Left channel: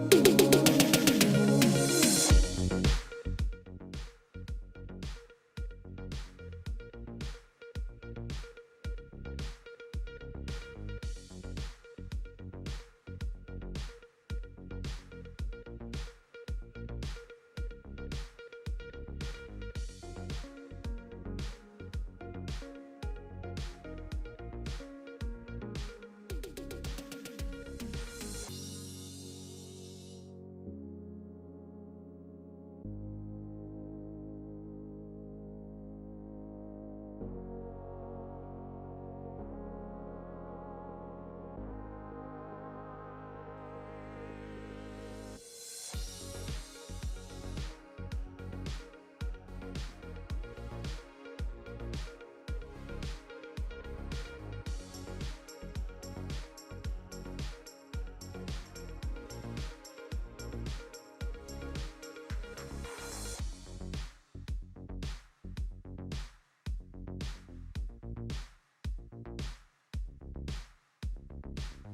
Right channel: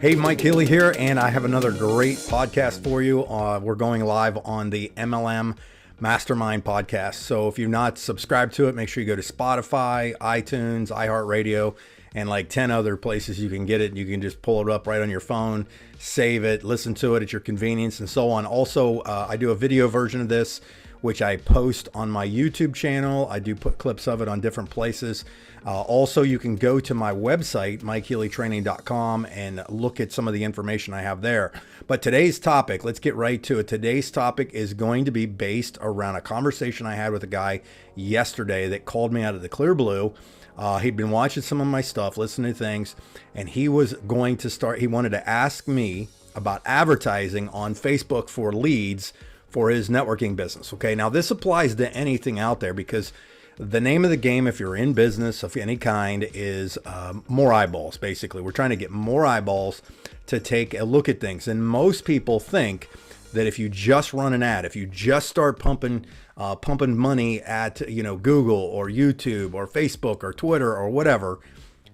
Hey, Mike Healy here, and I have another great podcast for you. We're going live on the MLM Mastermind Podcast. So if you've not subscribed to it, make sure you go to Spotify, iTunes, iHeartRadio, and like 10 other places you can get it. You can just pull it up right on your phone, save it, listen to it at your convenience, and so on. Also, I do a video version of this, which I post on my YouTube channel. I do put clips of it on different places. Also, you can go to my website, MikeHealyTraining.com, and look at some of the information I have there. But today's topic, let's get right to it. Today's topic is going to be based around a conversation I had with a guy yesterday that called me out of the clear blue. He'd been watching some of my stuff, listening to things, and he was going to start, he wanted to ask me about advertising on Facebook for leads for his networking business. Okay, now this applies to anything out there because the name of the game, if you're in business of any kind, is more eyeballs. Basically, we're trying to get more eyeballs to take a look at things. And most people think that if you just run an ad, if you just start pumping money at Google or YouTube or Facebook or Twitter or whatever,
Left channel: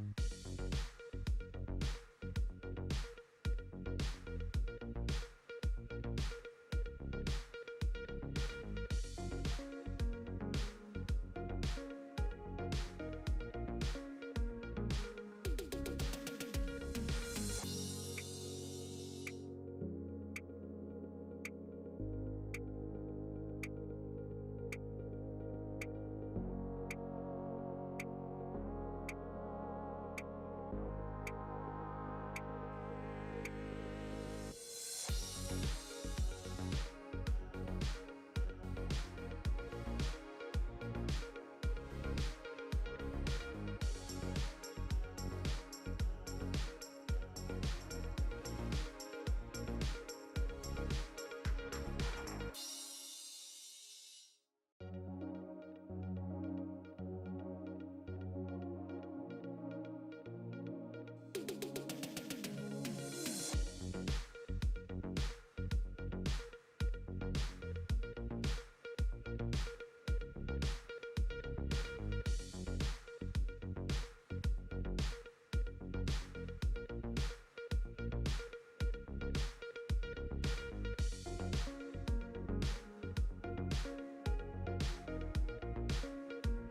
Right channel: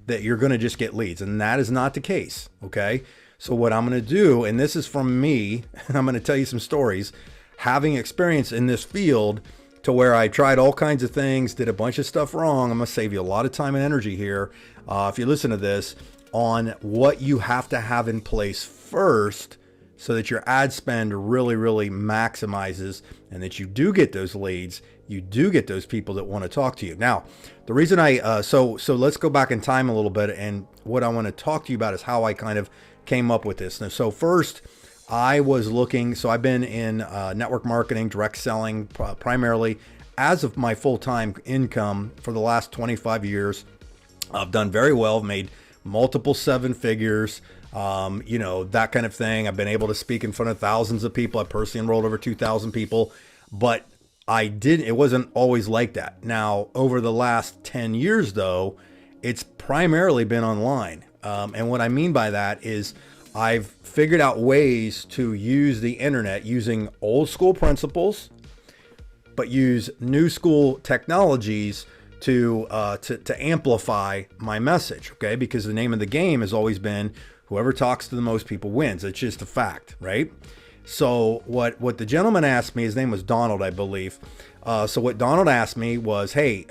that you're going to just get leads. And that is not the case. Okay. So what I'm going to do, and this is from me, and I'm going to tell you some stories, having experience in this field, to where I tried all kinds of things, did a bunch of stuff wrong. I'm going to save you a lot of time and energy here, if you listen to this, on what you have to have in place first so that your ad spend really maximizes and that you do get those leads, you do get those people that want to talk to you. Now, the reason so let's go back in time a little bit, and what I want to talk to you about is how I kind of came up with this. Now, so first, I was looking, so I've been in network marketing, direct selling, primarily as of my full-time income for the last 25 years. I've done very well, made multiple seven figures, that kind of thing. I've been able to speak in front of thousands of people. I personally enrolled over 2,000 people, but it wasn't always like that. Now, over the last 10 years though, it's primarily been online. And what I mean by that is I've figured out ways to use the internet using old school principles, but use new school technologies to amplify my message. Okay, because the name of the game has always been whoever talks to the most people wins. It's just a fact, right? So what the gentleman asked me, his name was Donald, I believe. So what Donald asked me was, hey,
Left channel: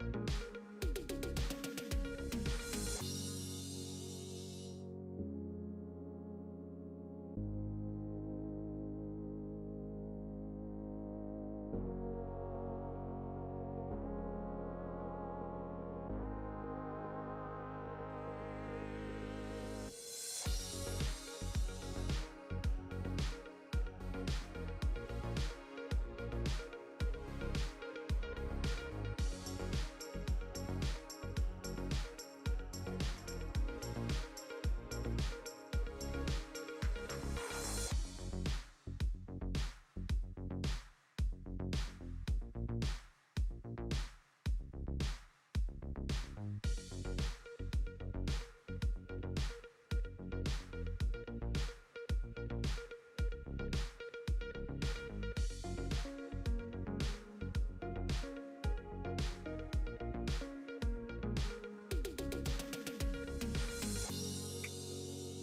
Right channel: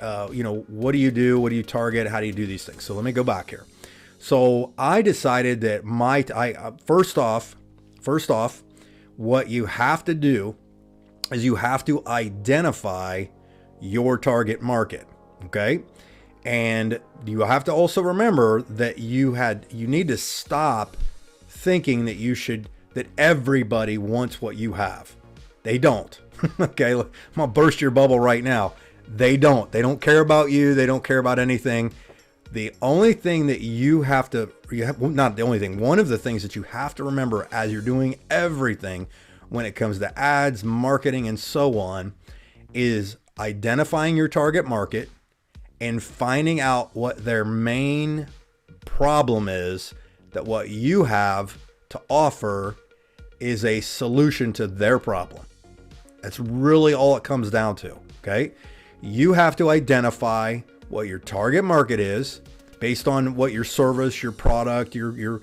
what do you do? What do you target? How do you do these things? So let me go back here. So I decided that first off, what you have to do is you have to identify your target market, okay? And you have to also remember that you need to stop thinking that everybody wants what you have. They don't. Okay, I'm gonna burst your bubble right now. They don't. They don't care about you. They don't care about anything. The only thing that one of the things that you have to remember as you're doing everything when it comes to ads, marketing, and so on, is identifying your target market and finding out what their main problem is, that what you have to offer is a solution to their problem. That's really all it comes down to, okay? You have to identify what your target market is based on what your service, your product, your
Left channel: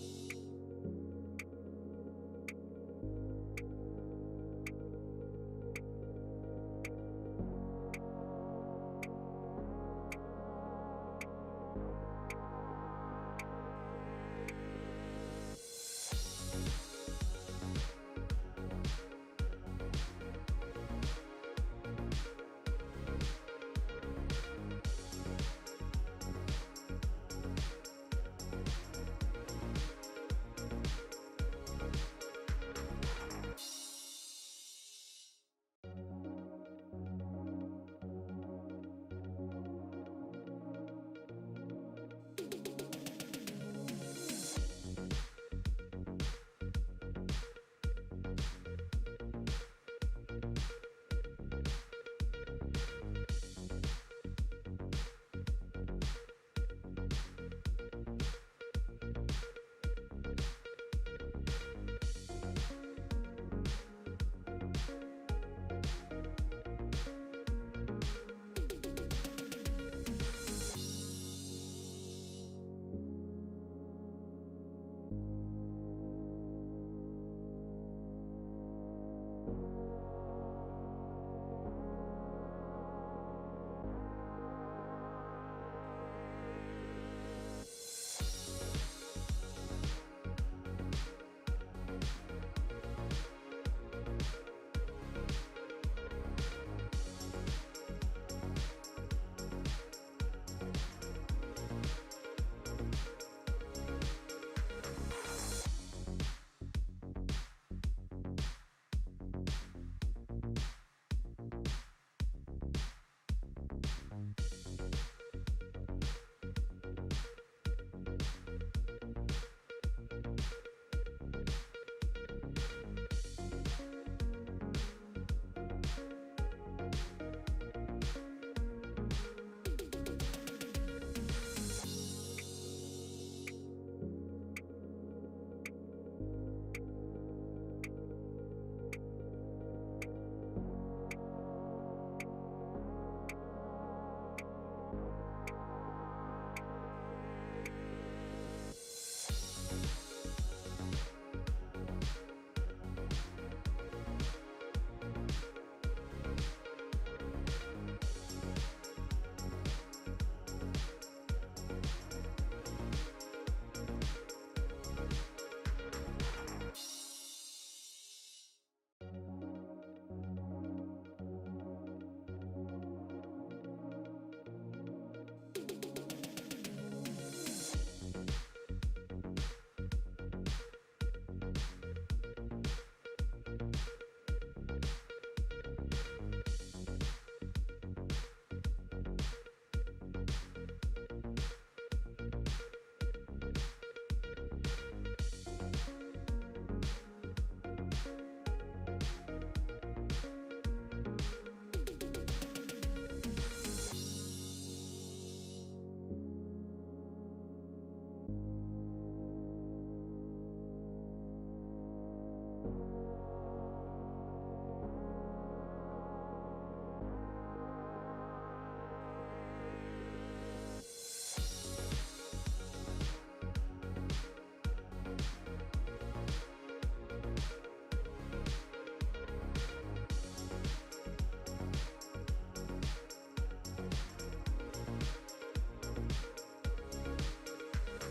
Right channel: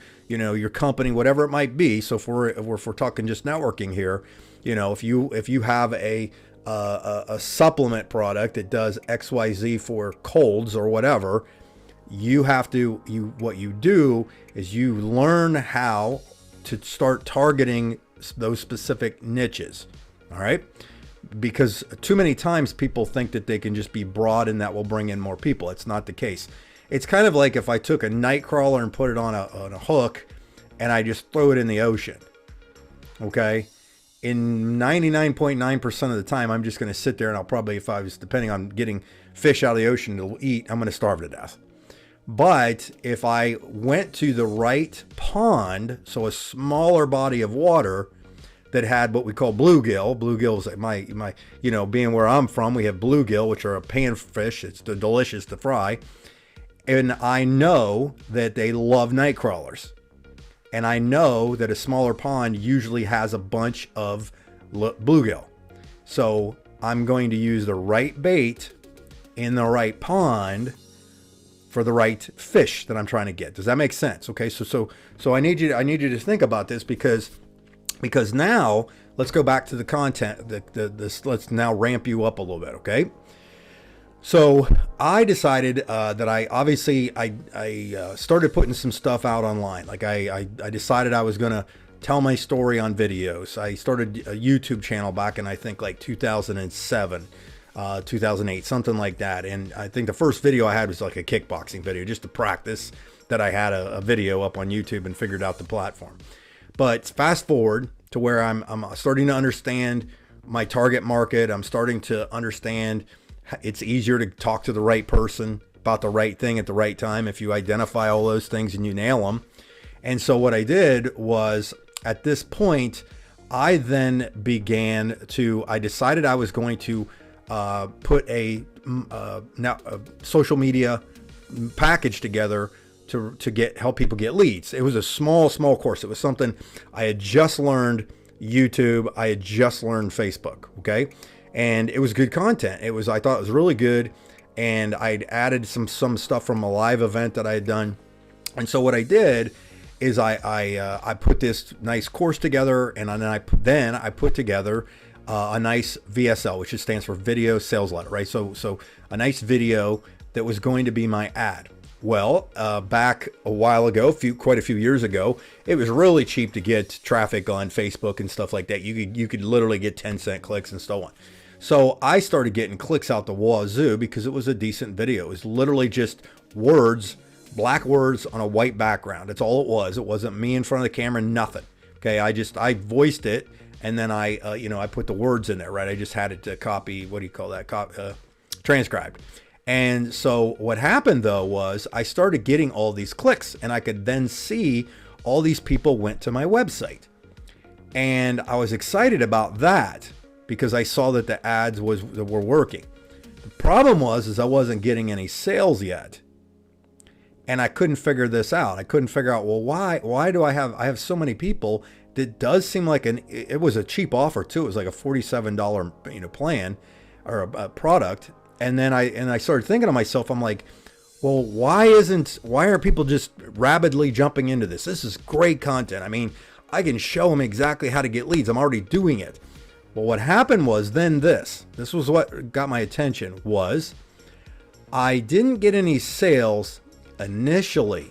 company, whatever it might be. So if we're talking just networking here, if you have a supplement product that does XYZ for colds or whatever, what you do is you learn how to start targeting those specific niches. All right. Because too many times people think that they can just be broad and that will bring in more people. It's not the case. It's kind of like if I took a night crawler and put it on a hook and I just throw it in the ocean. Okay. In 99.9% of the time, I'm just going to sit there and I'll probably, if I was depending on getting fish out of the ocean to eat, I'm going to starve to death. But if I went to the right pond, so a smaller body of water that had what we call bluegill. Bluegills, being where I'm from, we have bluegill, which are a panfish. It's delicious to fry. And I know that they love night crawlers. And I know that a smaller pond usually has a bunch of bluegill. So I'm going to use the right bait in the right pond for the right fish that I'm trying to get. Does that make sense? Okay, so I need you to think about this, because now let's go back to the content. Let's now ramp you up a little bit. Okay. So I decided that I started putting some stuff out online. Like I decided I was gonna tell my story on videos. I started a YouTube channel back in, I think, like 2007, 2008, something like that. And I think the first video I had was like a kickboxing video, just to practice that I had a video up on YouTube and figured out the platform. But fast forward to where I'm starting to understand my target market. I'm starting to understand it's easier to talk to the right person about the right thing at the right time if you identify all those things and you nail them. And so what I did was, at this point, I decided I was going to put a social media package together to help people get leads. It was a small course. It was something I had just learned YouTube. I had just learned Facebook. Okay. And it was good content. I thought it was really good. And I'd added some stuff from a live event that I had done. And so what I did is I put this nice course together, and then I put together a nice VSL, which stands for video sales letter, right? So a nice video that was going to be my ad. Well, back a while ago, quite a few years ago, it was really cheap to get traffic on Facebook and stuff like that. You could literally get 10-cent clicks and so on. So I started getting clicks out the wazoo because it was a decent video. It was literally just words, black words on a white background. That's all it was. It wasn't me in front of the camera, nothing. Okay, I voiced it, and then I put the words in there, right? I just had it to copy, transcribed. And so what happened though was I started getting all these clicks, and I could then see all these people went to my website. And I was excited about that because I saw that the ads were working. The problem was I wasn't getting any sales yet. And I couldn't figure this out. I couldn't figure out, well, why do I have so many people? That does seem like it was a cheap offer too. It was like a $47 plan or a product. And then I started thinking to myself, I'm like, well, why aren't people just rabidly jumping into this? This is great content. I mean, I can show them exactly how to get leads. I'm already doing it. But what happened was then this was what got my attention, was I didn't get any sales initially.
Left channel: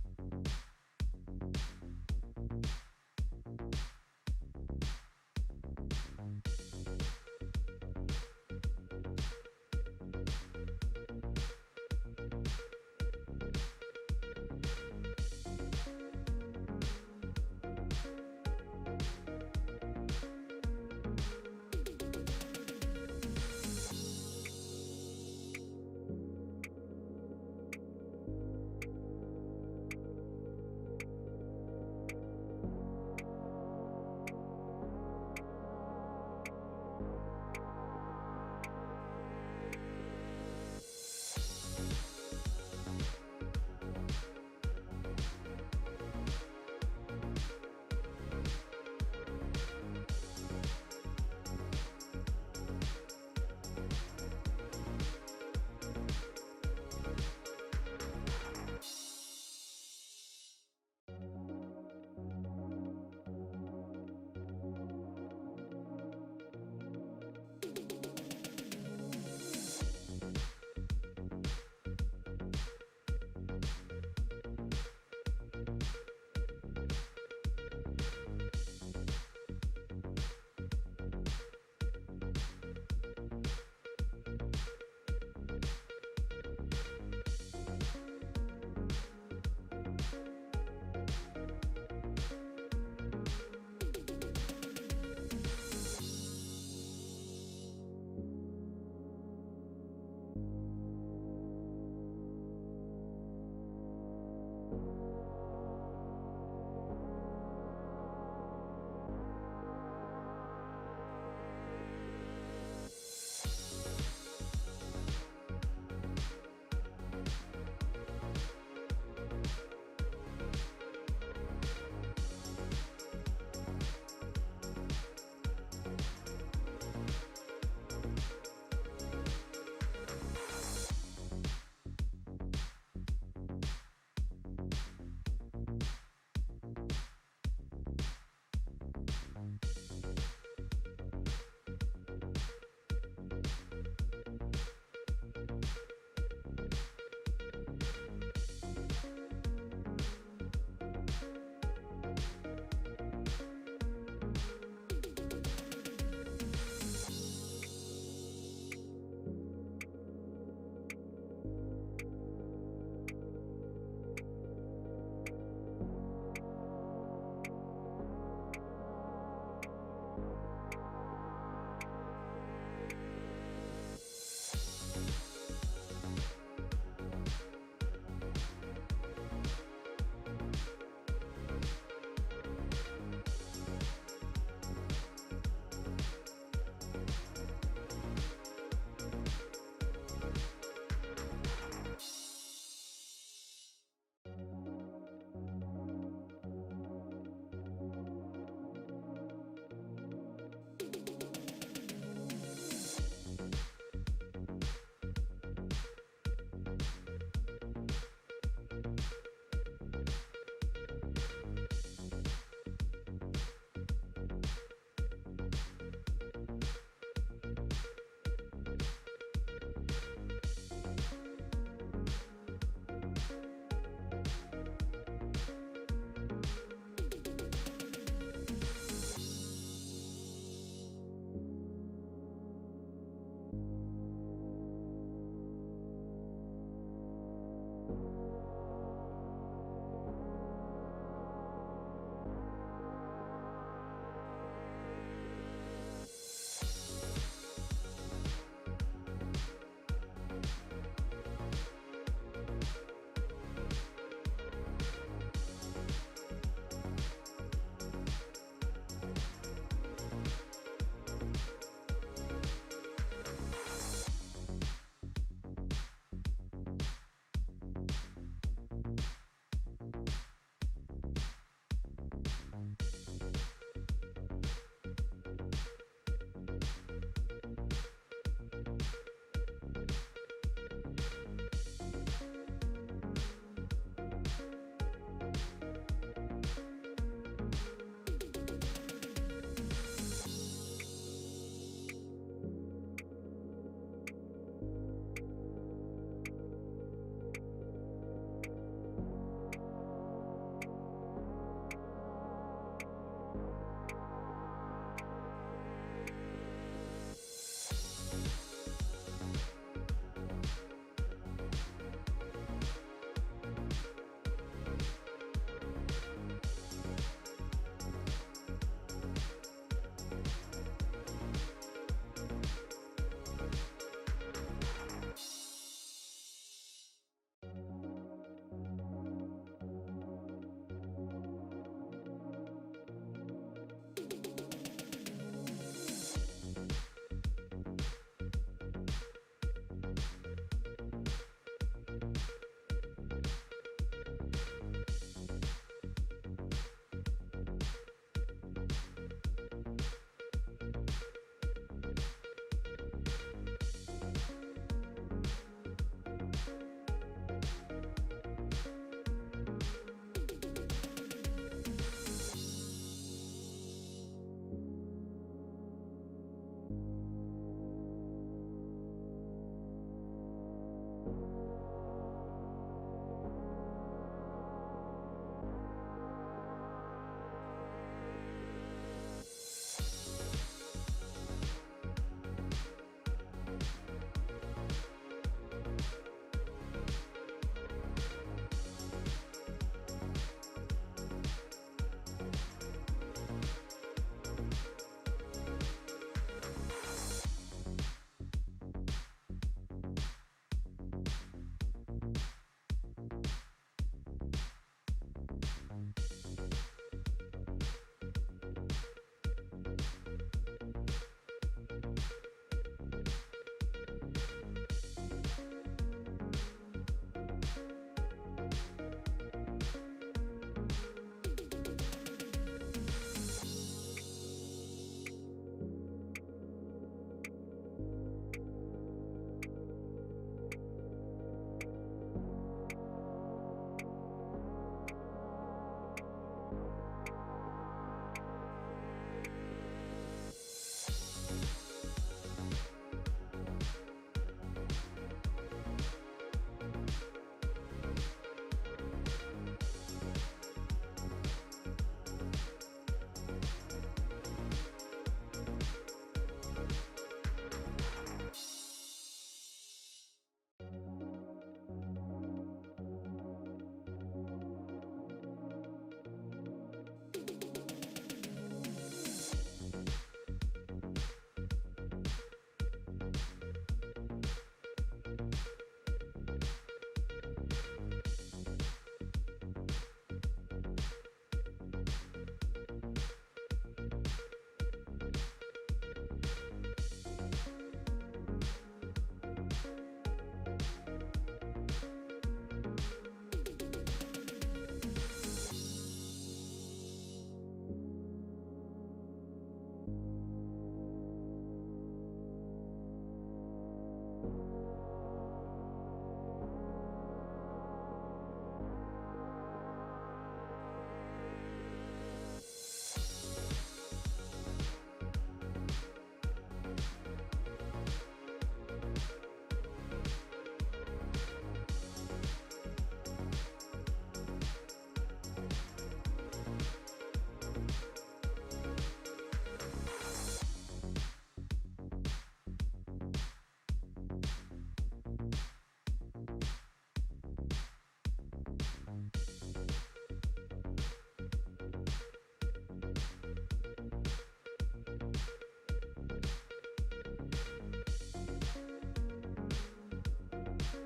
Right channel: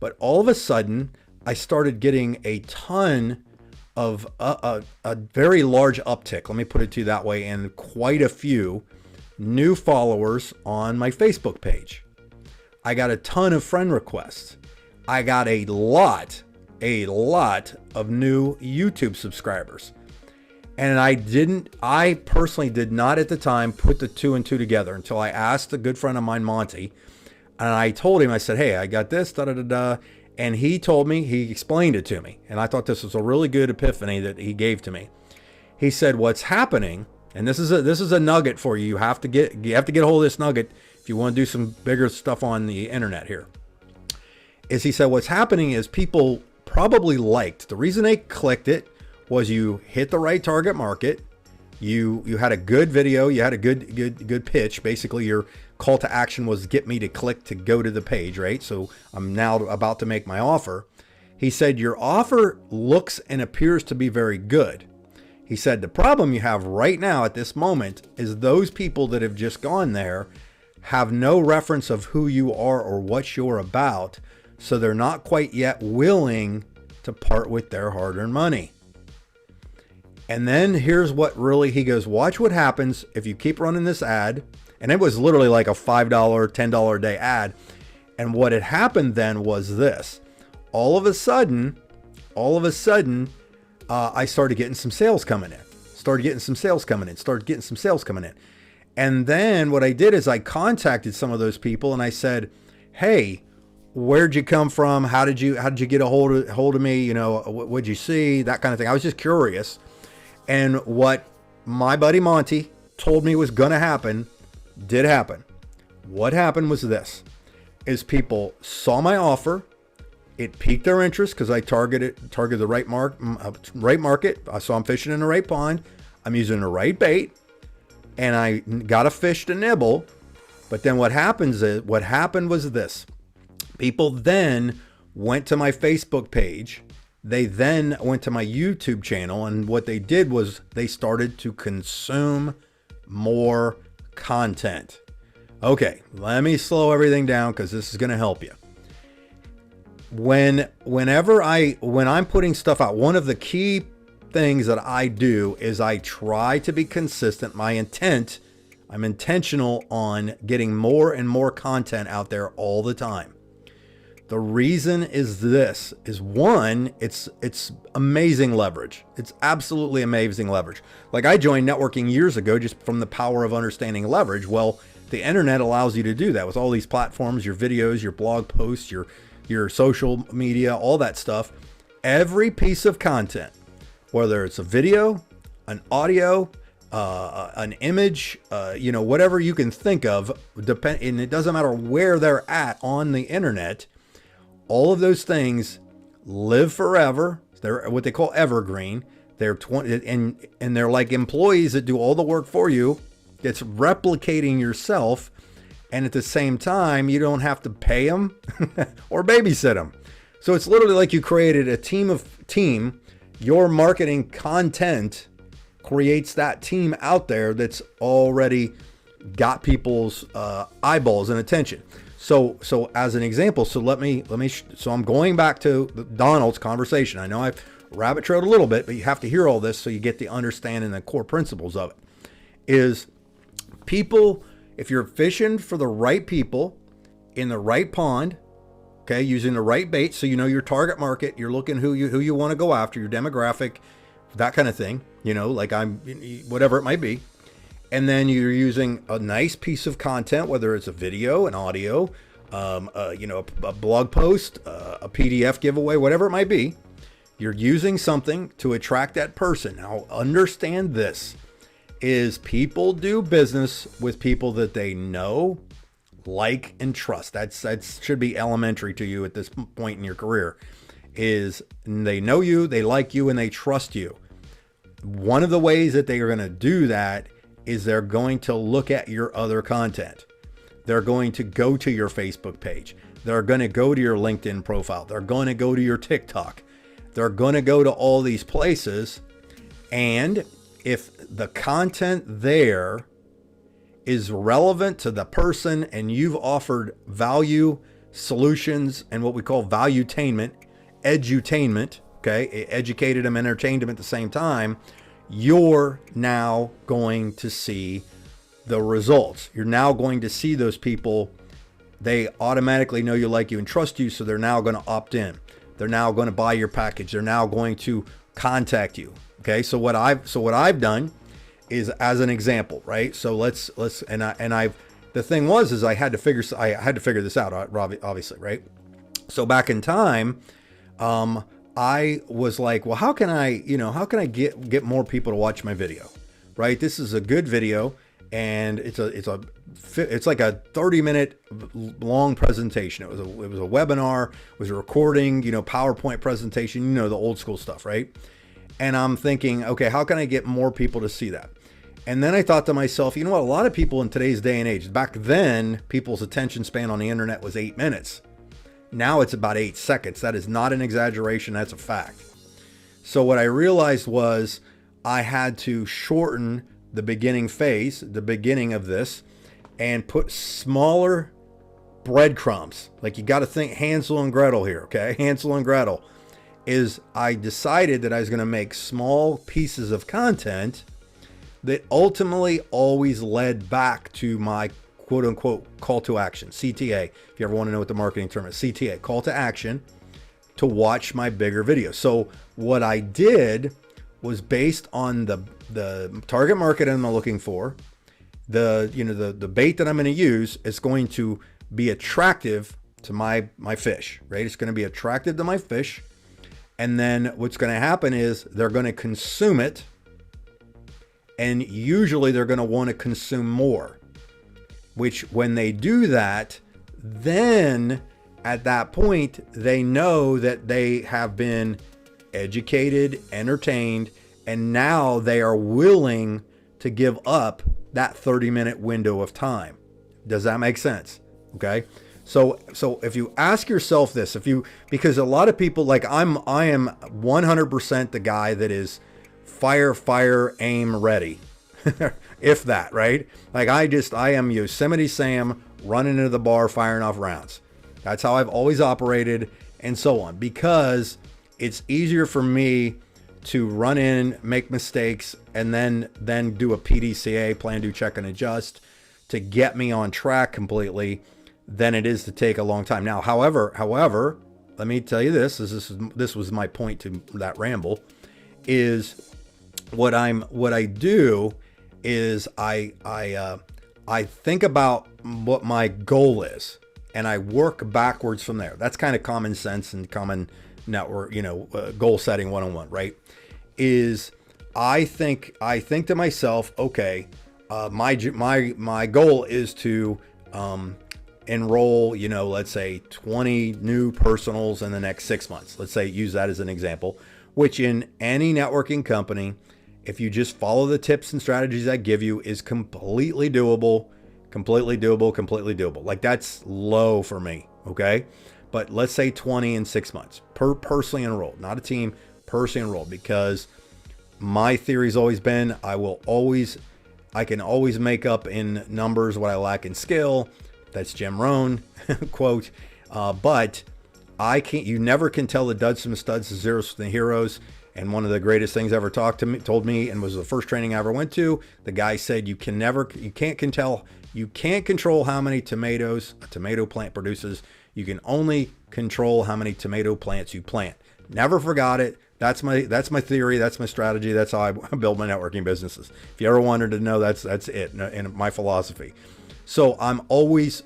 But all of a sudden I started getting a ton of a very large uptick, let me put it to you that way, and quite a few new followers on my Facebook page. I got a ton of friend requests. I got a lot of new YouTube subscribers. And I personally did not at the time put the two and two together until I asked a good friend of mine, Monty, and I told him, I said, hey, I got this, and he told me, he explained it to me. And I thought this was a really good epiphany that he gave to me. He said, what's happening, and this is a nugget for you. You have to get a hold of this nugget if you want to do some bigger stuff on the internet here. Is he said, what's happening is people probably liked, the reason they clicked it was you hit the right target market. You had a good video. You had a good pitch. Basically, your call to action was get me to click to go to the page, right? So I'm now about to make my offer. He said, your offer looks and appears to be very good. He said, the problem you have right now at this moment is those people that have just gone there have no reference of who you are or what you're about. So they're not quite yet willing to part with their hard-earned money. And then here's what he goes, watch what happens if you keep running this ad. And it was literally like a $5, $10 a day ad. And what had happened then was this. All of a sudden, I started getting some sales coming in. And then what I did is I contacted some of those people and I said, hey, where'd you come from? How did you get a hold of me? What'd you see? That kind of thing. I was just curious. And what my buddy Monty told me was going to happen did happen. What happened was this, is people saw my offer. It piqued their interest because I targeted the right market. I saw I'm fishing in the right pond. I'm using the right bait, and I got a fish to nibble. But then what happened was this. People then went to my Facebook page. They then went to my YouTube channel, and what they did was they started to consume more content. Okay, let me slow everything down because this is going to help you. When I'm putting stuff out, one of the key things that I do is I try to be consistent. I'm intentional on getting more and more content out there all the time. The reason is one, it's amazing leverage. It's absolutely amazing leverage. Like, I joined networking years ago just from the power of understanding leverage. Well, the internet allows you to do that with all these platforms, your videos, your blog posts, your social media, all that stuff. Every piece of content, whether it's a video, an audio, an image, whatever you can think of, and it doesn't matter where they're at on the internet, all of those things live forever. They're what they call evergreen. They're and they're like employees that do all the work for you. It's replicating yourself, and at the same time, you don't have to pay them or babysit them. So it's literally like you created a team. Your marketing content creates that team out there that's already got people's eyeballs and attention. So as an example, so I'm going back to Donald's conversation. I know I've rabbit trailed a little bit, but you have to hear all this so you get the understanding and the core principles of it. Is people, if you're fishing for the right people in the right pond, okay, using the right bait, so you know your target market, you're looking who you want to go after, your demographic, that kind of thing, like whatever it might be. And then you're using a nice piece of content, whether it's a video, an audio, a blog post, a PDF giveaway, whatever it might be. You're using something to attract that person. Now, understand this, is people do business with people that they know, like, and trust. That should be elementary to you at this point in your career, is they know you, they like you, and they trust you. One of the ways that they are going to do that is they're going to look at your other content. They're going to go to your Facebook page. They're going to go to your LinkedIn profile. They're going to go to your TikTok. They're going to go to all these places. And if the content there is relevant to the person and you've offered value, solutions, and what we call valuetainment, edutainment, okay, educated them, entertained them at the same time, you're now going to see the results. You're now going to see those people. They automatically know you, like you, and trust you, so they're now going to opt in. They're now going to buy your package. They're now going to contact you. Okay, so what I've done is, as an example, right? So let's the thing was I had to figure this out, obviously, right? So back in time, I was like, well, how can I get more people to watch my video, right? This is a good video, and it's like a 30-minute long presentation. It was a webinar, it was a recording, PowerPoint presentation, the old school stuff, right? And I'm thinking, okay, how can I get more people to see that? And then I thought to myself, you know what? A lot of people in today's day and age, back then, people's attention span on the internet was 8 minutes. Now it's about 8 seconds. That is not an exaggeration. That's a fact. So what I realized was I had to shorten the beginning phase, the beginning of this, and put smaller breadcrumbs. Like, you got to think Hansel and Gretel here, okay? Hansel and Gretel is, I decided that I was going to make small pieces of content that ultimately always led back to my quote unquote call to action, CTA. If you ever want to know what the marketing term is, CTA, call to action, to watch my bigger videos. So what I did was, based on the target market I'm looking for, the bait that I'm going to use is going to be attractive to my fish, right? It's going to be attractive to my fish. And then what's going to happen is they're going to consume it. And usually they're going to want to consume more, which when they do that, then at that point, they know that they have been educated, entertained, and now they are willing to give up that 30-minute window of time. Does that make sense? Okay. So if you ask yourself this, because a lot of people, like I am 100% the guy that is fire, aim, ready. If that, right? Like I am Yosemite Sam running into the bar, firing off rounds. That's how I've always operated, and so on, because it's easier for me to run in, make mistakes, and then do a PDCA, plan, do, check, and adjust, to get me on track completely, than it is to take a long time. Now, however, let me tell you this was my point to that ramble, is what I do is I think about what my goal is, and I work backwards from there. That's kind of common sense and common network, goal setting 101, right? Is I think to myself, okay, my goal is to enroll, let's say 20 new personals in the next 6 months. Let's say, use that as an example, which in any networking company, if you just follow the tips and strategies I give you, is completely doable. Like, that's low for me. Okay. But let's say 20 in 6 months per personally enrolled, not a team, personally enrolled, because my theory's always been, I can always make up in numbers what I lack in skill. That's Jim Rohn quote. But you never can tell the duds from the studs, the zeros from the heroes. And one of the greatest things ever told me, and was the first training I ever went to, the guy said, you can't control how many tomatoes a tomato plant produces. You can only control how many tomato plants you plant. Never forgot it. That's my theory. That's my strategy. That's how I build my networking businesses. If you ever wanted to know, that's it, and my philosophy. So I'm always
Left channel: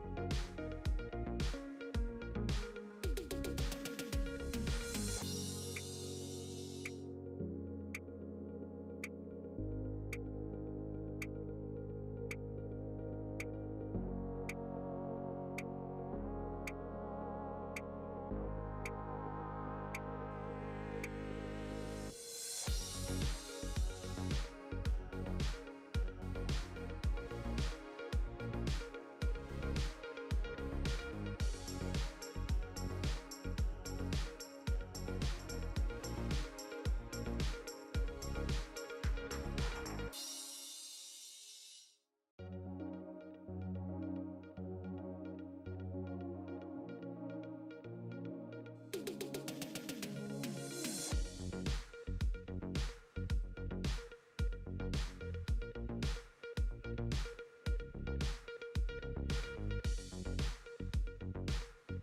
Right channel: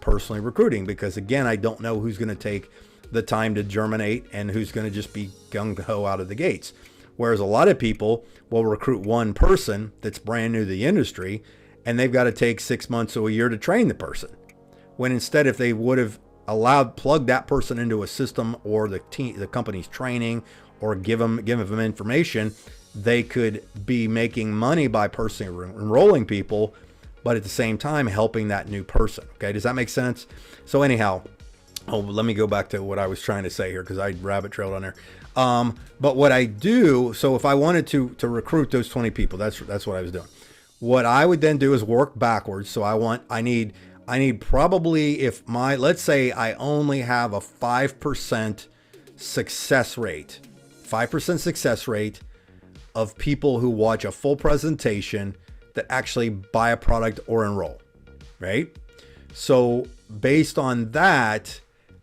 personally recruiting, because again, I don't know who's going to take the time to germinate and who's going to just be gung-ho out of the gates. Whereas a lot of people will recruit one person that's brand new to the industry, and they've got to take 6 months to a year to train the person. When instead, if they would have plugged that person into a system, or the company's training, or give them information, they could be making money by personally enrolling people, but at the same time helping that new person. Okay, does that make sense? So anyhow, let me go back to what I was trying to say here, because I rabbit trailed on there. But what I do, so if I wanted to recruit those 20 people, that's what I was doing. What I would then do is work backwards. So I need probably, let's say I only have a 5% success rate, 5% success rate of people who watch a full presentation that actually buy a product or enroll, right? So based on that,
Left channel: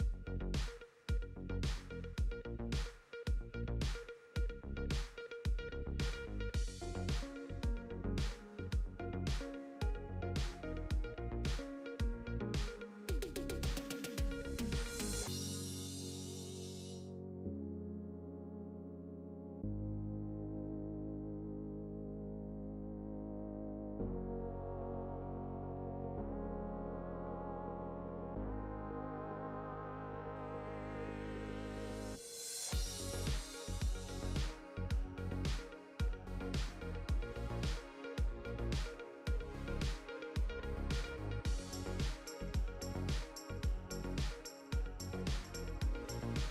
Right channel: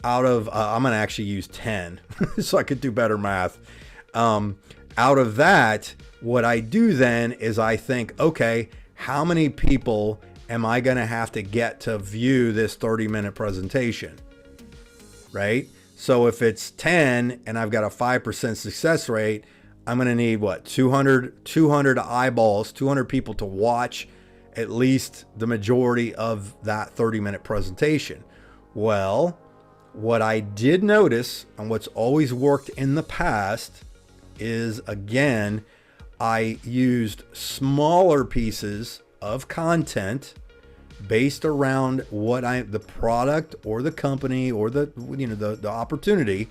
out of, I'm going to actually use 10 so I could do better math. Out of that, what I do then is I think, okay, how many people am I going to have to get to view this 30-minute presentation, right? So if it's 10 and I've got a 5% success rate, I'm going to need 200 eyeballs, 200 people to watch at least the majority of that 30-minute presentation. Well, what I did notice, and what's always worked in the past, is, again, I used smaller pieces of content based around the product or the company or the opportunity,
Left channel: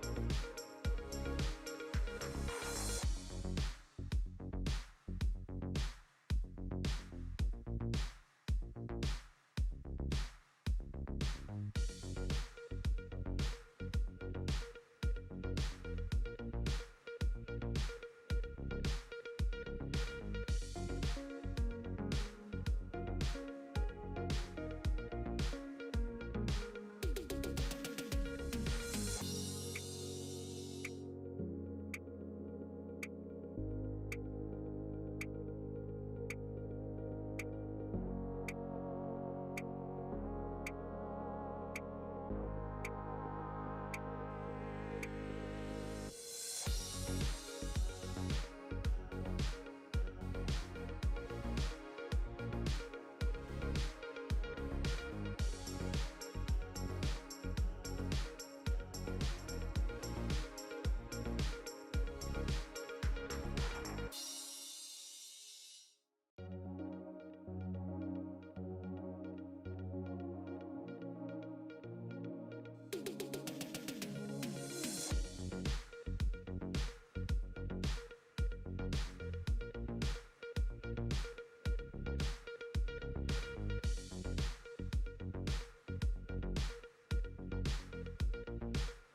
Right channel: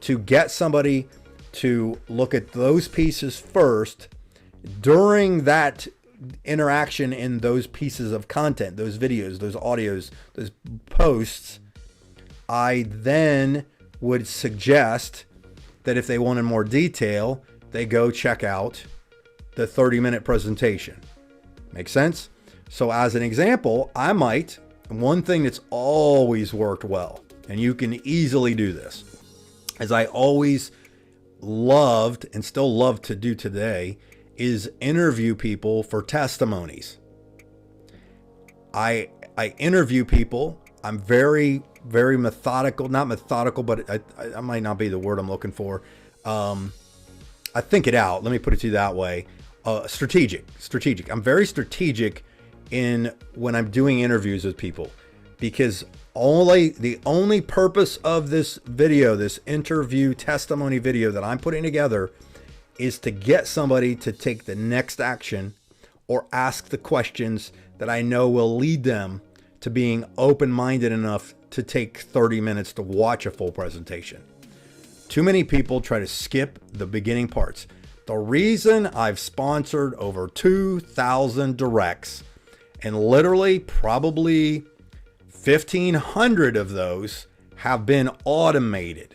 to get somebody to look at those pieces first. During that interaction in those pieces of content, those videos, those audios, those posts, I then would suggest that if they wanted more detail, they go check out the 30-minute presentation. Make sense? So as an example, one thing that's always worked well, and you can easily do this, as I always loved and still love to do today, is interview people for testimonies. I interview people. I'm very, very methodical, not methodical, but I might not be the word I'm looking for. I think it out. Let me put it to you that way. Strategic. I'm very strategic when I'm doing interviews with people, because the only purpose of this video, this interview testimony video that I'm putting together, is to get somebody to take the next action or ask the questions that I know will lead them to being open-minded enough to take 30 minutes to watch a full presentation. Too many people try to skip the beginning parts. The reason I've sponsored over 2,000 directs, and literally probably 1,500 of those have been automated.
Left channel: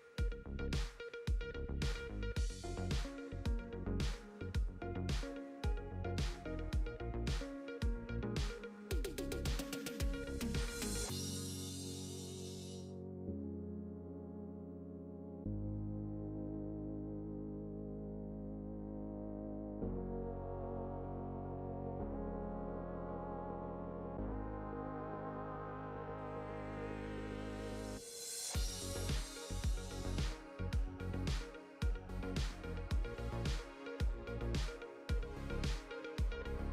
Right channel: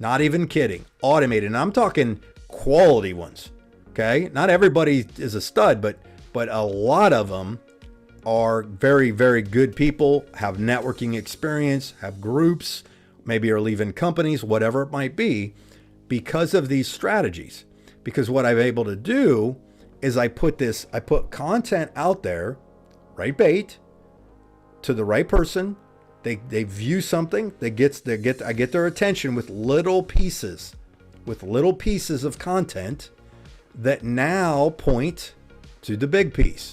Not even kidding, automated. And I'm talking quality ones, okay? Not everybody is a stud, but a lot of them are very, very good people, have networking experience, have groups, maybe are leaving companies, whatever it might be, because of these strategies. Because what I'm able to do is I put content out there, right bait, to the right person. They view something, I get their attention with little pieces of content that now point to the big piece.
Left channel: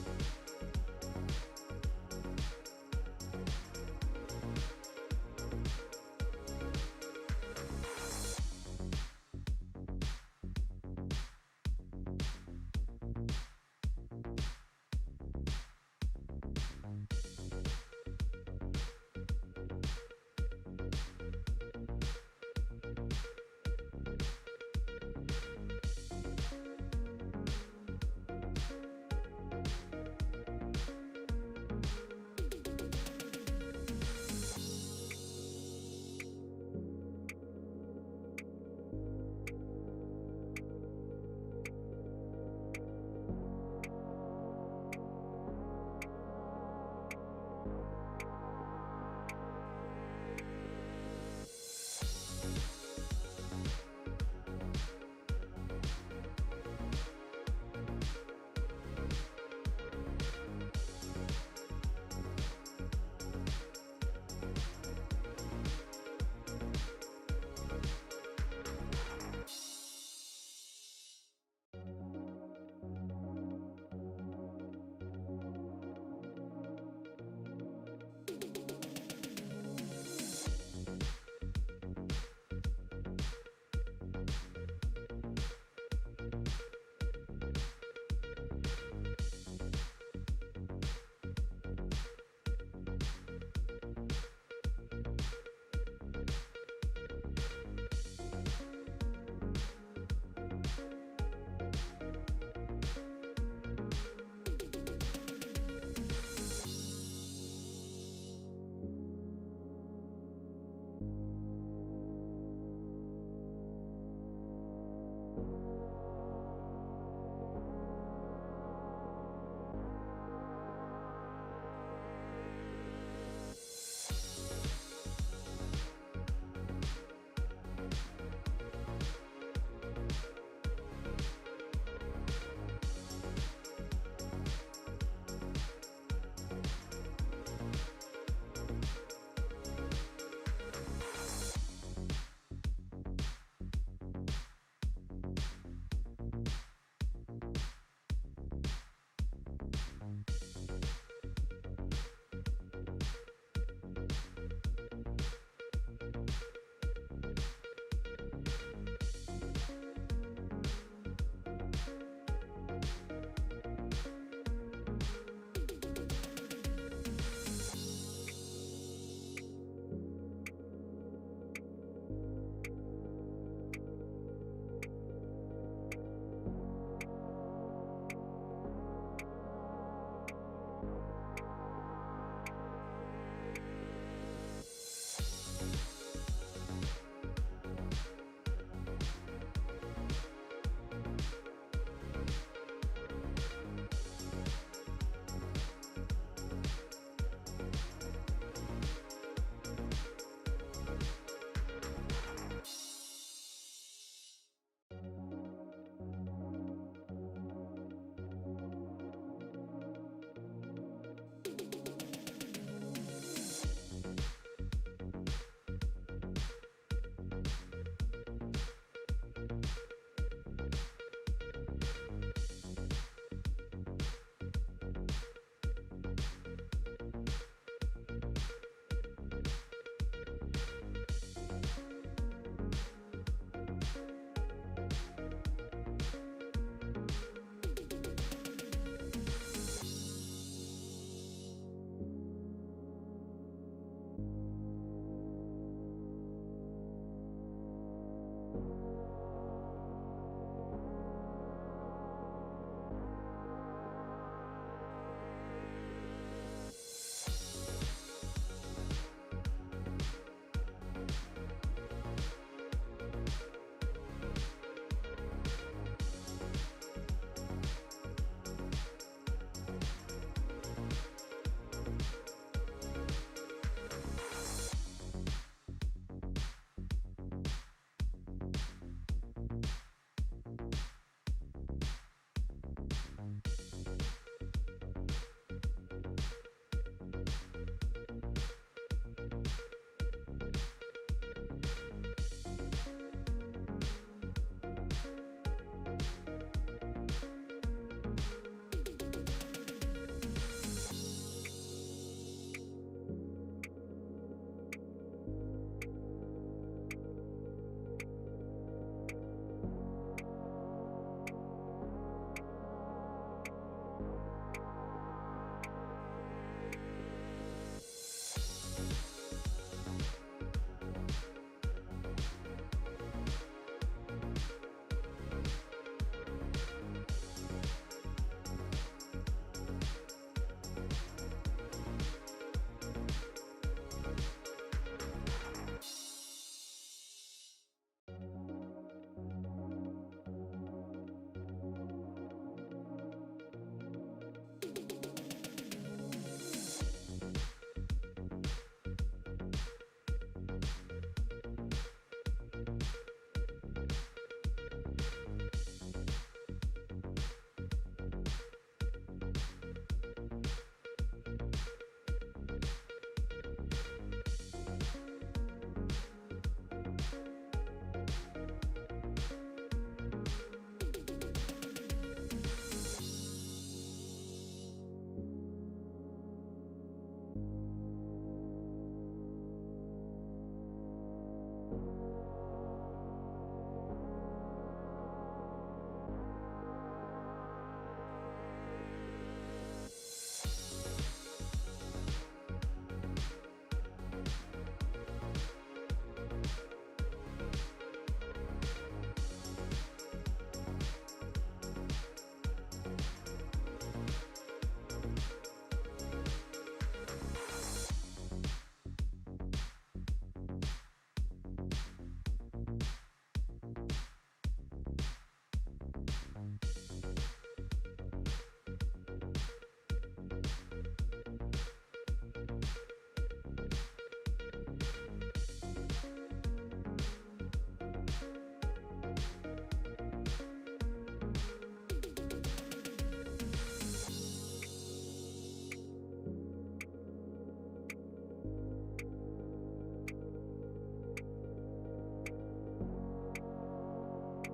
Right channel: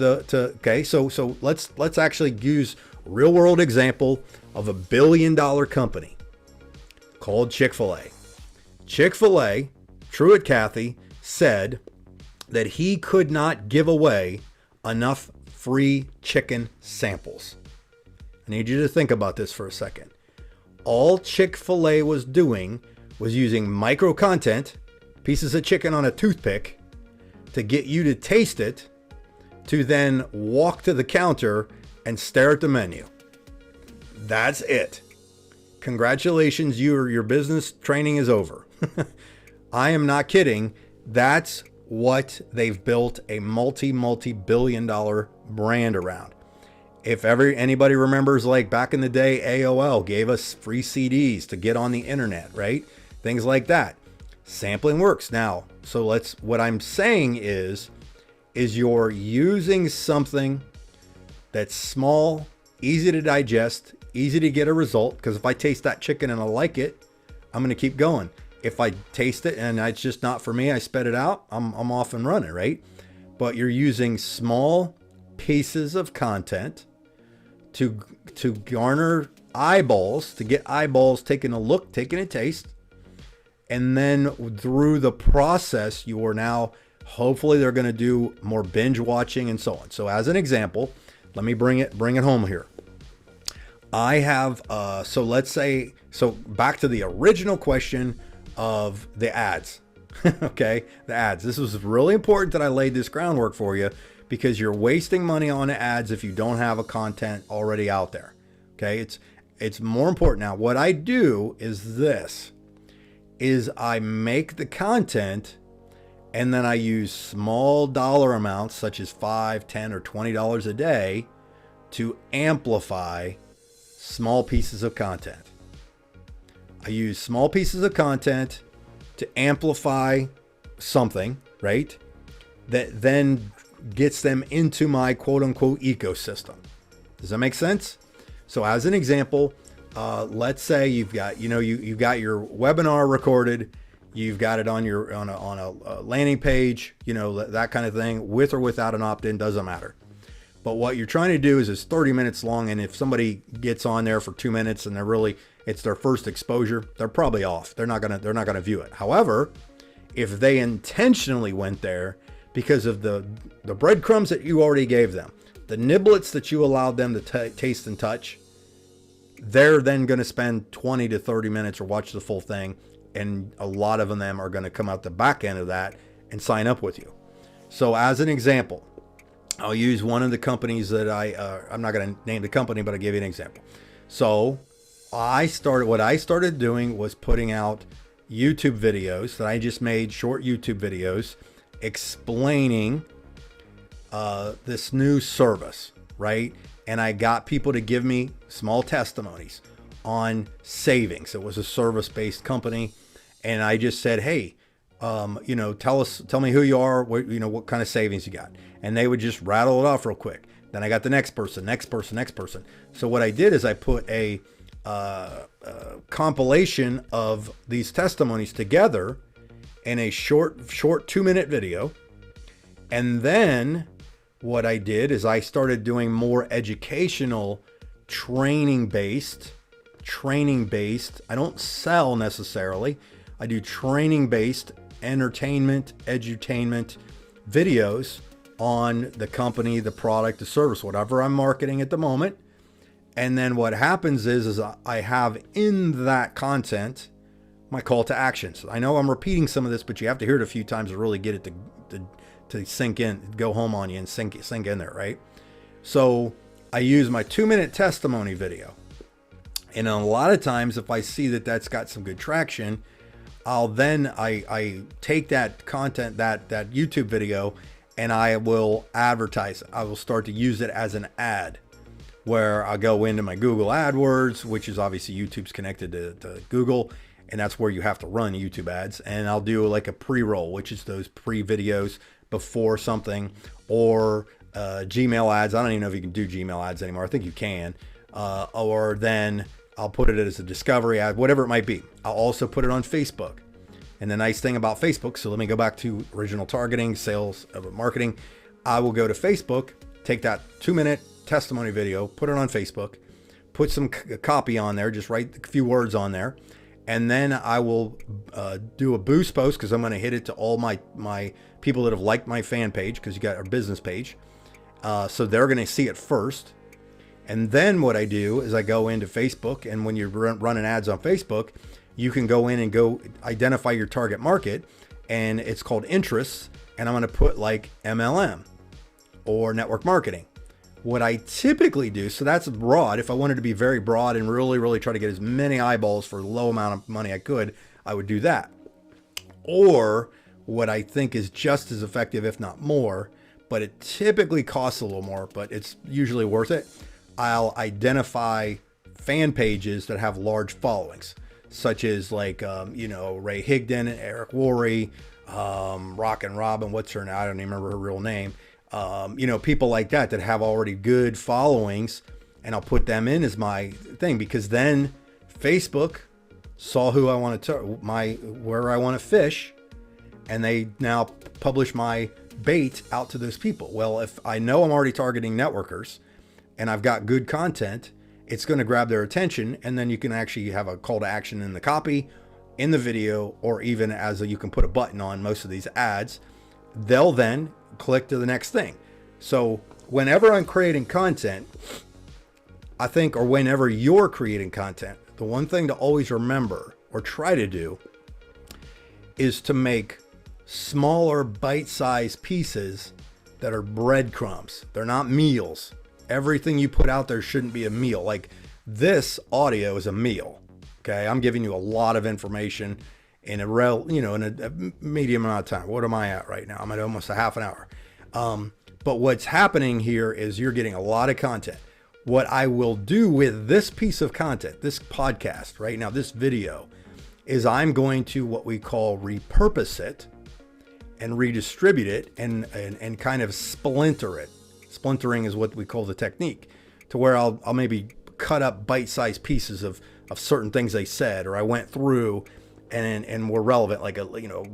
Okay, so let's actually use real world example of $1 billion company called Chick-fil-A. Chick-fil-A, Truett Cathy, said that he could not give away enough free chicken samples. I need you to think about this for a second. All Chick-fil-A was doing was using micro content, pieces of chicken on a toothpick, to get you to taste it, to then walk to the counter and stare at the menu. That's it. Congratulations, your business training is over. I am not kidding. That's what they've built a multi-billion-dollar brand around. If anybody remembers, like back in the day, AOL gave us free CDs to get on the internet, right? Things like that. Sampling works. Now, so what I'm saying is you're using something that's small, easy to digest, easy to get a result, because if I taste that chicken and I like it, I'm going to keep going. If I taste it and it's just not for me, I spit it out, I'm off and running, right? But you're using small pieces of content to garner eyeballs, to get eyeballs taking a look, taking a taste, and then through the process, you are now, hopefully they're going to do more binge watching and so on. So as an example, let me bring it home here. I have, so back to the original question of the ads. Okay, the ads. This was really important that I laid this groundwork for you, because you're wasting money on ads if you don't have a content already out there. Okay, it's more important. Now, what I do is I make the content, and then I use small dollar amounts such as $5, $10, or $20 a day to amplify small pieces of content. I use small pieces of content to amplify something, right? That then gets them into my quote unquote ecosystem. Does that make sense? So as an example, let's say you've got your webinar recorded, you've got it on a landing page, that kind of thing, with or without an opt-in, doesn't matter. But what you're trying to do is it's 30 minutes long, and if somebody gets on there for 2 minutes and it's their first exposure, they're probably off. They're not gonna view it. However, if they intentionally went there because of the breadcrumbs that you already gave them, the niblets that you allowed them to taste and touch, they're then going to spend 20 to 30 minutes or watch the full thing, and a lot of them are going to come out the back end of that and sign up with you. So as an example, I'll use one of the companies that I'm not going to name the company, but I'll give you an example. So what I started doing was putting out YouTube videos that I just made, short YouTube videos explaining this new service, right? And I got people to give me small testimonies on savings. It was a service-based company, and I just said, hey, tell me who you are, what kind of savings you got, and they would just rattle it off real quick. Then I got the next person. So what I did is I put a compilation of these testimonies together in a short 2-minute video. And then what I did is I started doing more educational training based. I don't sell necessarily. I do training based entertainment, edutainment videos on the company, the product, the service, whatever I'm marketing at the moment. And then what happens is I have in that content my call to actions. I know I'm repeating some of this, but you have to hear it a few times to really get it to sink in, go home on you and sink in there, right? So I use my 2-minute testimony video. And a lot of times if I see that that's got some good traction, I take that content, that YouTube video, and I will advertise it. I will start to use it as an ad where I go into my Google AdWords, which is obviously YouTube's connected to Google, and that's where you have to run YouTube ads. And I'll do like a pre-roll, which is those pre-videos before something, or Gmail ads. I don't even know if you can do Gmail ads anymore. I think you can. Or then I'll put it as a discovery ad, whatever it might be. I'll also put it on Facebook. And the nice thing about Facebook, so let me go back to original targeting, sales, marketing. I will go to Facebook, take that 2-minute testimony video, put it on Facebook, put some copy on there, just write a few words on there. And then I will do a boost post, because I'm going to hit it to all my people that have liked my fan page, because you got our business page. So they're going to see it first. And then what I do is I go into Facebook, and when you're running ads on Facebook, you can go in and go identify your target market, and it's called interests. And I'm going to put like MLM or network marketing. What I typically do, so that's broad. If I wanted to be very broad and really, really try to get as many eyeballs for a low amount of money I could, I would do that. Or what I think is just as effective, if not more, but it typically costs a little more, but it's usually worth it. I'll identify fan pages that have large followings, such as like, Ray Higdon, Eric Worre, Rockin' Robin, what's her name? I don't even remember her real name. People like that have already good followings, and I'll put them in as my thing, because then Facebook saw who I want to where I want to fish, and they now publish my bait out to those people. Well, if I know I'm already targeting networkers and I've got good content, it's going to grab their attention, and then you can actually have a call to action in the copy, in the video, or even you can put a button on most of these ads. They'll then click to the next thing. So whenever I'm creating content, I think, or whenever you're creating content, the one thing to always remember or try to do is to make smaller bite-sized pieces that are breadcrumbs. They're not meals. Everything you put out there shouldn't be a meal. Like this audio is a meal. Okay. I'm giving you a lot of information in a medium amount of time. What am I at right now? I'm at almost a half an hour. But what's happening here is you're getting a lot of content. What I will do with this piece of content, this podcast right now, this video, is I'm going to what we call repurpose it and redistribute it and kind of splinter it. Splintering is what we call the technique, to where I'll maybe cut up bite-sized pieces of certain things they said, or I went through and were relevant, like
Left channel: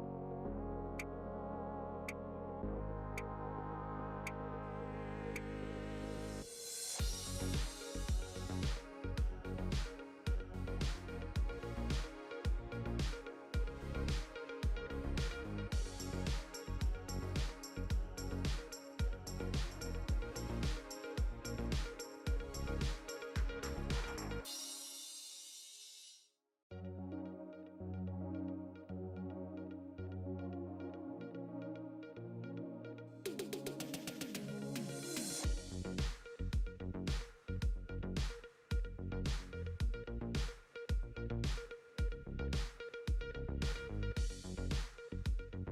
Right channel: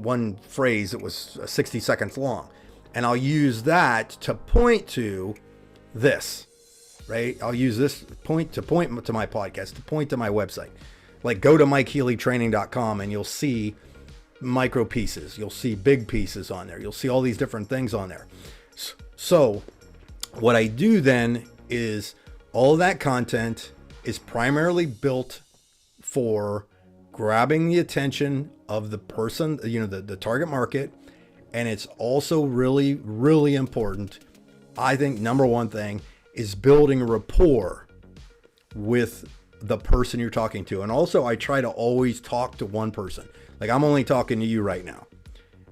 one phrase that was 60 seconds long, and I'll use that to point to this, right? I'll use this point to my podcast, to point to my website. Like go to MikeHealyTraining.com and you'll see micro pieces, you'll see big pieces on there, you'll see all these different things on there. So what I do then is all of that content is primarily built for grabbing the attention of the person, the target market. And it's also really, really important. I think number one thing is building rapport with the person you're talking to. And also I try to always talk to one person. Like I'm only talking to you right now.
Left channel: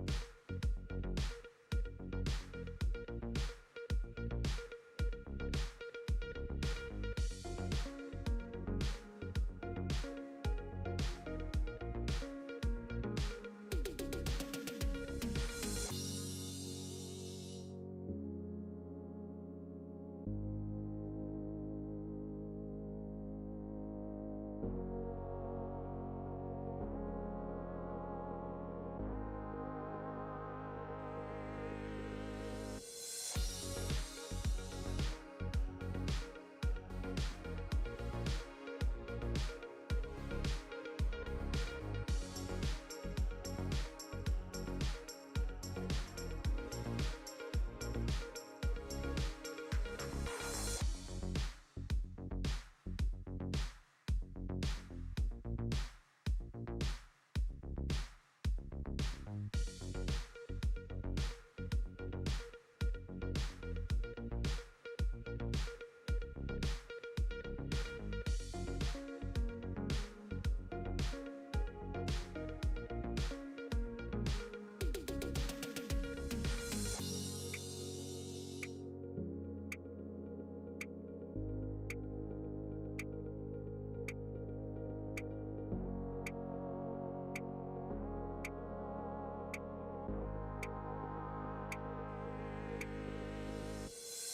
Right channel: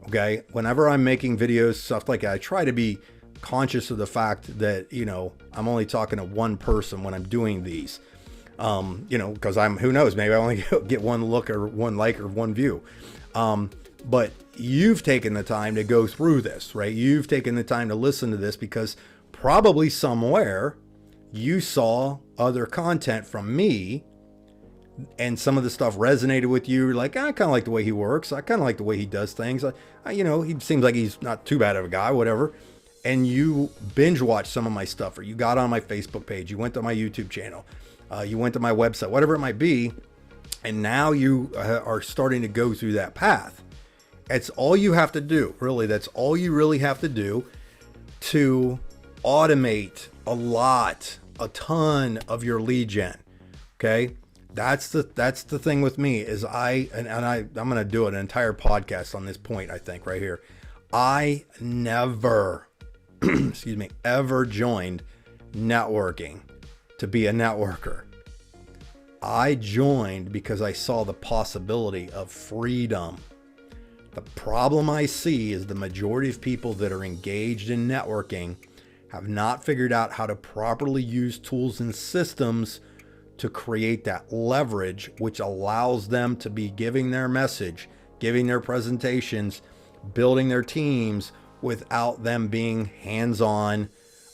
Okay. Whenever I'm making videos, stuff like that, I try to be conscious of the fact that, I'm only talking to one person when I'm doing these. Because who knows, maybe I only get one look or one like or one view. But you've taken the time to go through this, right? You've taken the time to listen to this because probably somewhere you saw other content from me and some of the stuff resonated with you. You're like, I kind of like the way he works. I kind of like the way he does things. He seems like he's not too bad of a guy, whatever. And you binge watched some of my stuff, or you got on my Facebook page, you went to my YouTube channel, you went to my website, whatever it might be. And now you are starting to go through that path. It's all you have to do. Really, that's all you really have to do. to automate a ton of your lead gen. Okay. That's the thing with me is I'm going to do an entire podcast on this point. I think right here, I never, ever joined networking to be a networker. I joined because I saw the possibility of freedom. The problem I see is the majority of people that are engaged in networking have not figured out how to properly use tools and systems to create that leverage, which allows them to be giving their message, giving their presentations, building their teams without them being hands-on.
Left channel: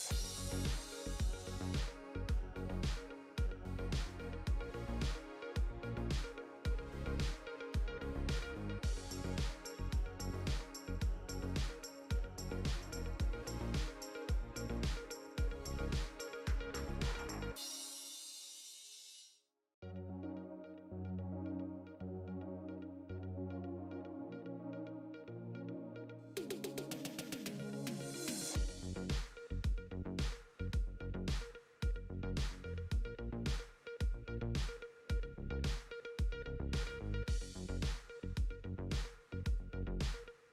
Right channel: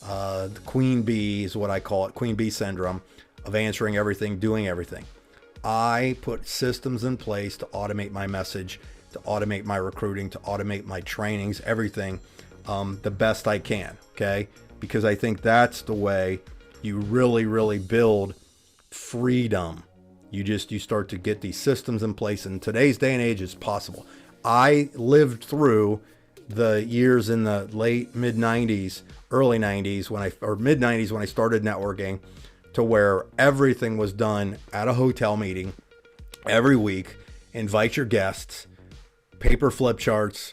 The queen bee is what I call it, queen bee syndrome of answering everything, doing everything. I put systems in place to automate my message, to automate my recruiting, to automate my trainings, everything the best I can, okay? Because I think that's the way you really, really build freedom. You start to get these systems in place. In today's day and age, it's possible. I lived through the years in the late mid 90s, early 90s mid 90s when I started networking, to where everything was done at a hotel meeting every week. Invite your guests, paper flip charts,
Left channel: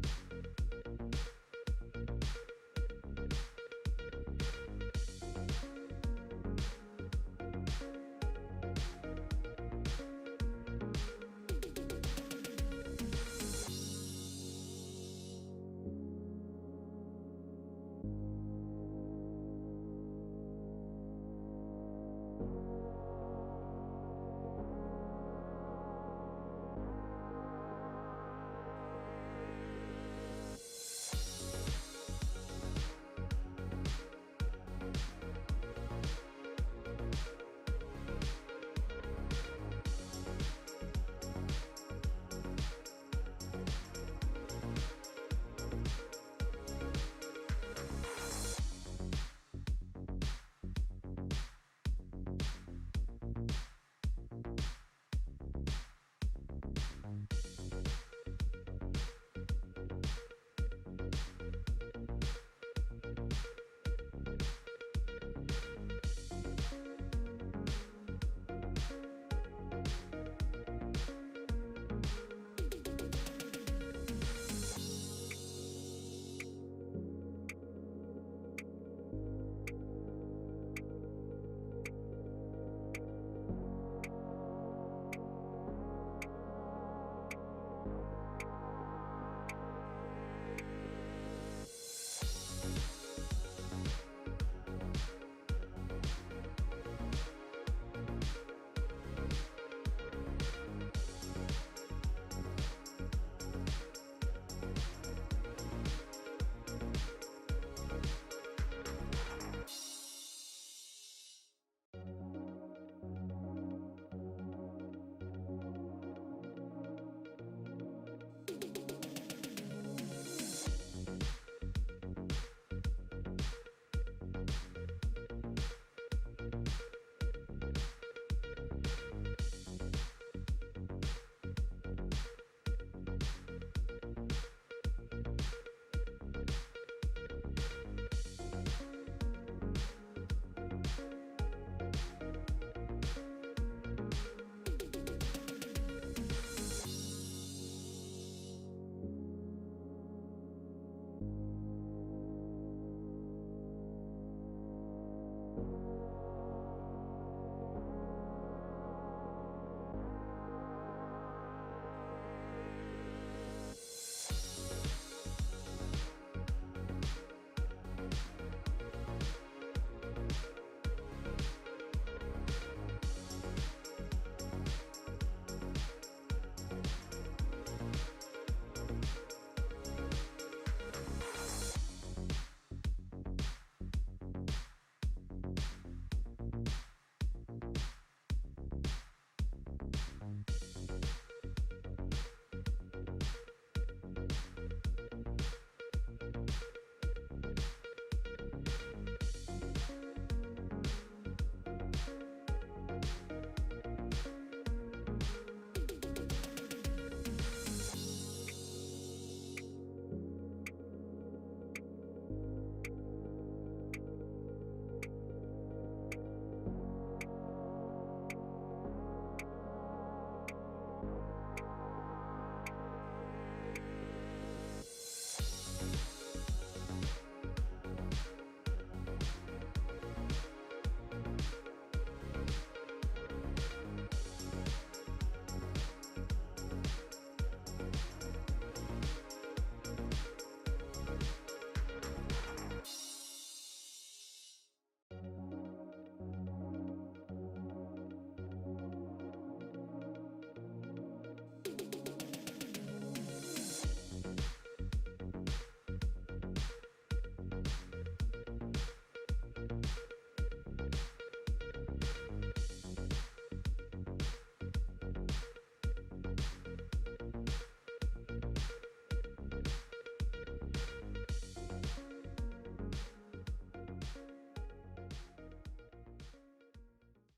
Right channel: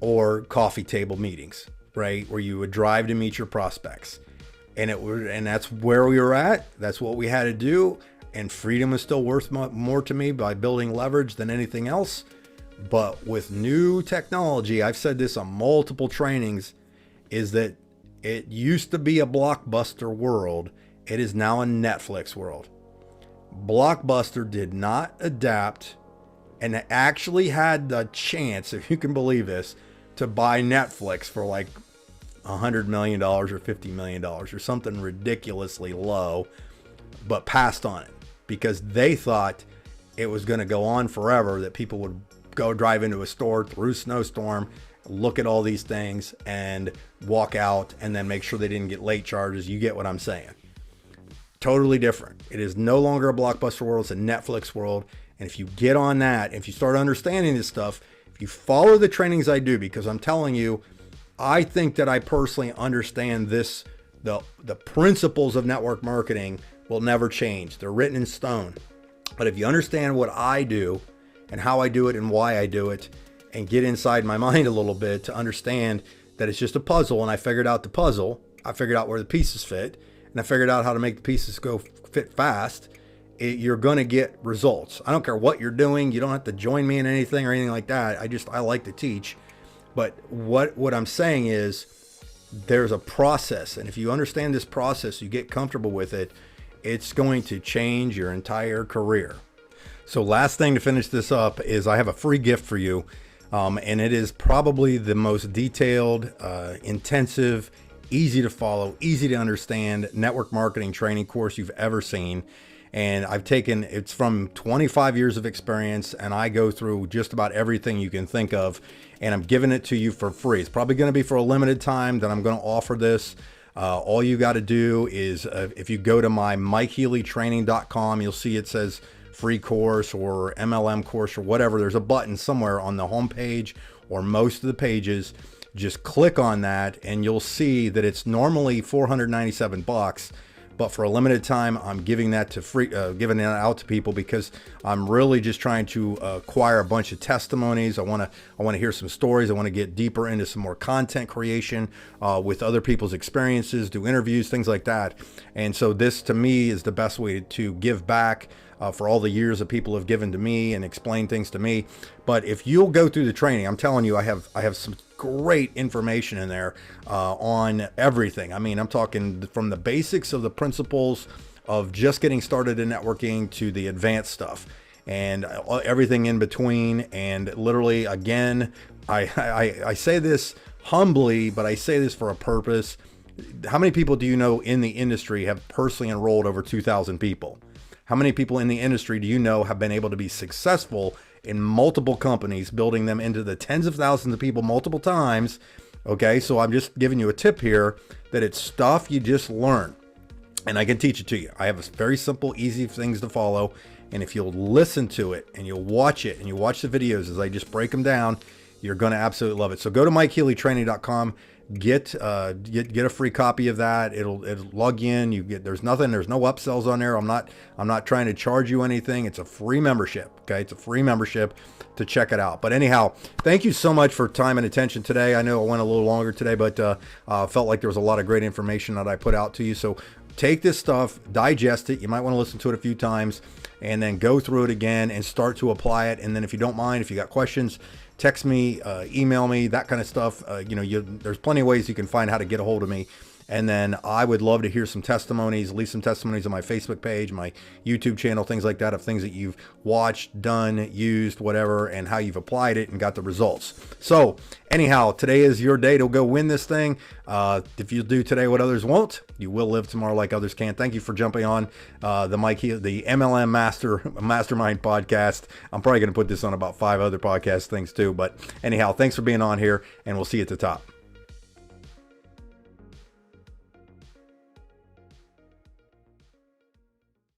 or coffee table meetings, right? Where you would drive to meet your prospects. And that's where we were at. That's what we had to do. And freedom is still worth more to me by building leverage than anything else. But with new technology, I've said this on multiple trainings, is that it used to be a Blockbuster world. It is now a Netflix world. Blockbuster did not adapt and actually had the chance, if you can believe this, to buy Netflix for like $100 million or $50 million or something ridiculously low, but passed on it because they thought it was going to go on forever, that people would go drive into a store through a snowstorm, look at all these things and walk out and then make sure they didn't get late charges. You get what I'm saying? Totally different. It is no longer a Blockbuster world. It's a Netflix world. And if you get on that, if you start understanding this stuff, if you follow the trainings I do, because I'm telling you, I think that I personally understand this, the principles of network marketing will never change. They're written in stone. But if you understand what I do and how I do it and why I do it, and get inside my mind a little bit to understand that it's just a puzzle, and I figured out the puzzle, I figured out where the pieces fit, and I figured out how to make the pieces fit fast, you're going to get results. I don't care what you're doing. You don't have to join me in anything or anything like that. I like to teach. But what I'm saying is there's a process. And if you understand this process, you get comfortable with it, it's going to change your entire career. So last thing to finish this up is I have a free gift for you. And it is probably the most detailed, intensive, easy to follow, easy to understand network marketing training course you've ever seen. And it's from 25 years of experience, and I go through just about everything you can think of, and I'm giving it to you for free. It's probably going to be for a limited time that I'm going to offer this. All you got to do is, if you go to my MikeHealyTraining.com, you'll see it says free course or MLM course or whatever. There's a button somewhere on the home page or most of the pages. Just click on that and you'll see that it's normally $497, but for a limited time, I'm giving that to free, giving it out to people because I'm really just trying to acquire a bunch of testimonies. I want to hear some stories. I want to get deeper into some more content creation with other people's experiences, do interviews, things like that. And so this, to me, is the best way to give back for all the years that people have given to me and explained things to me. But if you'll go through the training, I'm telling you, I have some great information in there on everything. I mean, I'm talking from the basics of the principles of just getting started in networking to the advanced stuff and everything in between. And literally, again, I say this humbly, but I say this for a purpose. How many people do you know in the industry have personally enrolled over 2,000 people? How many people in the industry do you know have been able to be successful in multiple companies, building them into the tens of thousands of people multiple times? Okay, so I'm just giving you a tip here that it's stuff you just learn, and I can teach it to you. I have very simple, easy things to follow, and if you'll listen to it and you'll watch it and you watch the videos as I just break them down, you're going to absolutely love it. So go to MikeHealyTraining.com. get a free copy of that. It'll log in. There's no upsells on there. I'm not trying to charge you anything. It's a free membership. Okay, it's a free membership to check it out. But anyhow, thank you so much for time and attention today. I know it went a little longer today, but felt like there was a lot of great information that I put out to you. So take this stuff, digest it. You might want to listen to it a few times and then go through it again and start to apply it. And then if you don't mind, if you got questions, text me, email me, that kind of stuff. There's plenty of ways you can find how to get a hold of me. And then I would love to hear some testimonies, leave some testimonies on my Facebook page, my YouTube channel, things like that, of things that you've watched, done, used, whatever, and how you've applied it and got the results. So anyhow, today is your day to go win this thing. If you do today what others won't, you will live tomorrow like others can. Thank you for jumping on the MLM Mastermind Podcast. I'm probably going to put this on about 5 other podcast things too. But anyhow, thanks for being on here, and we'll see you at the top.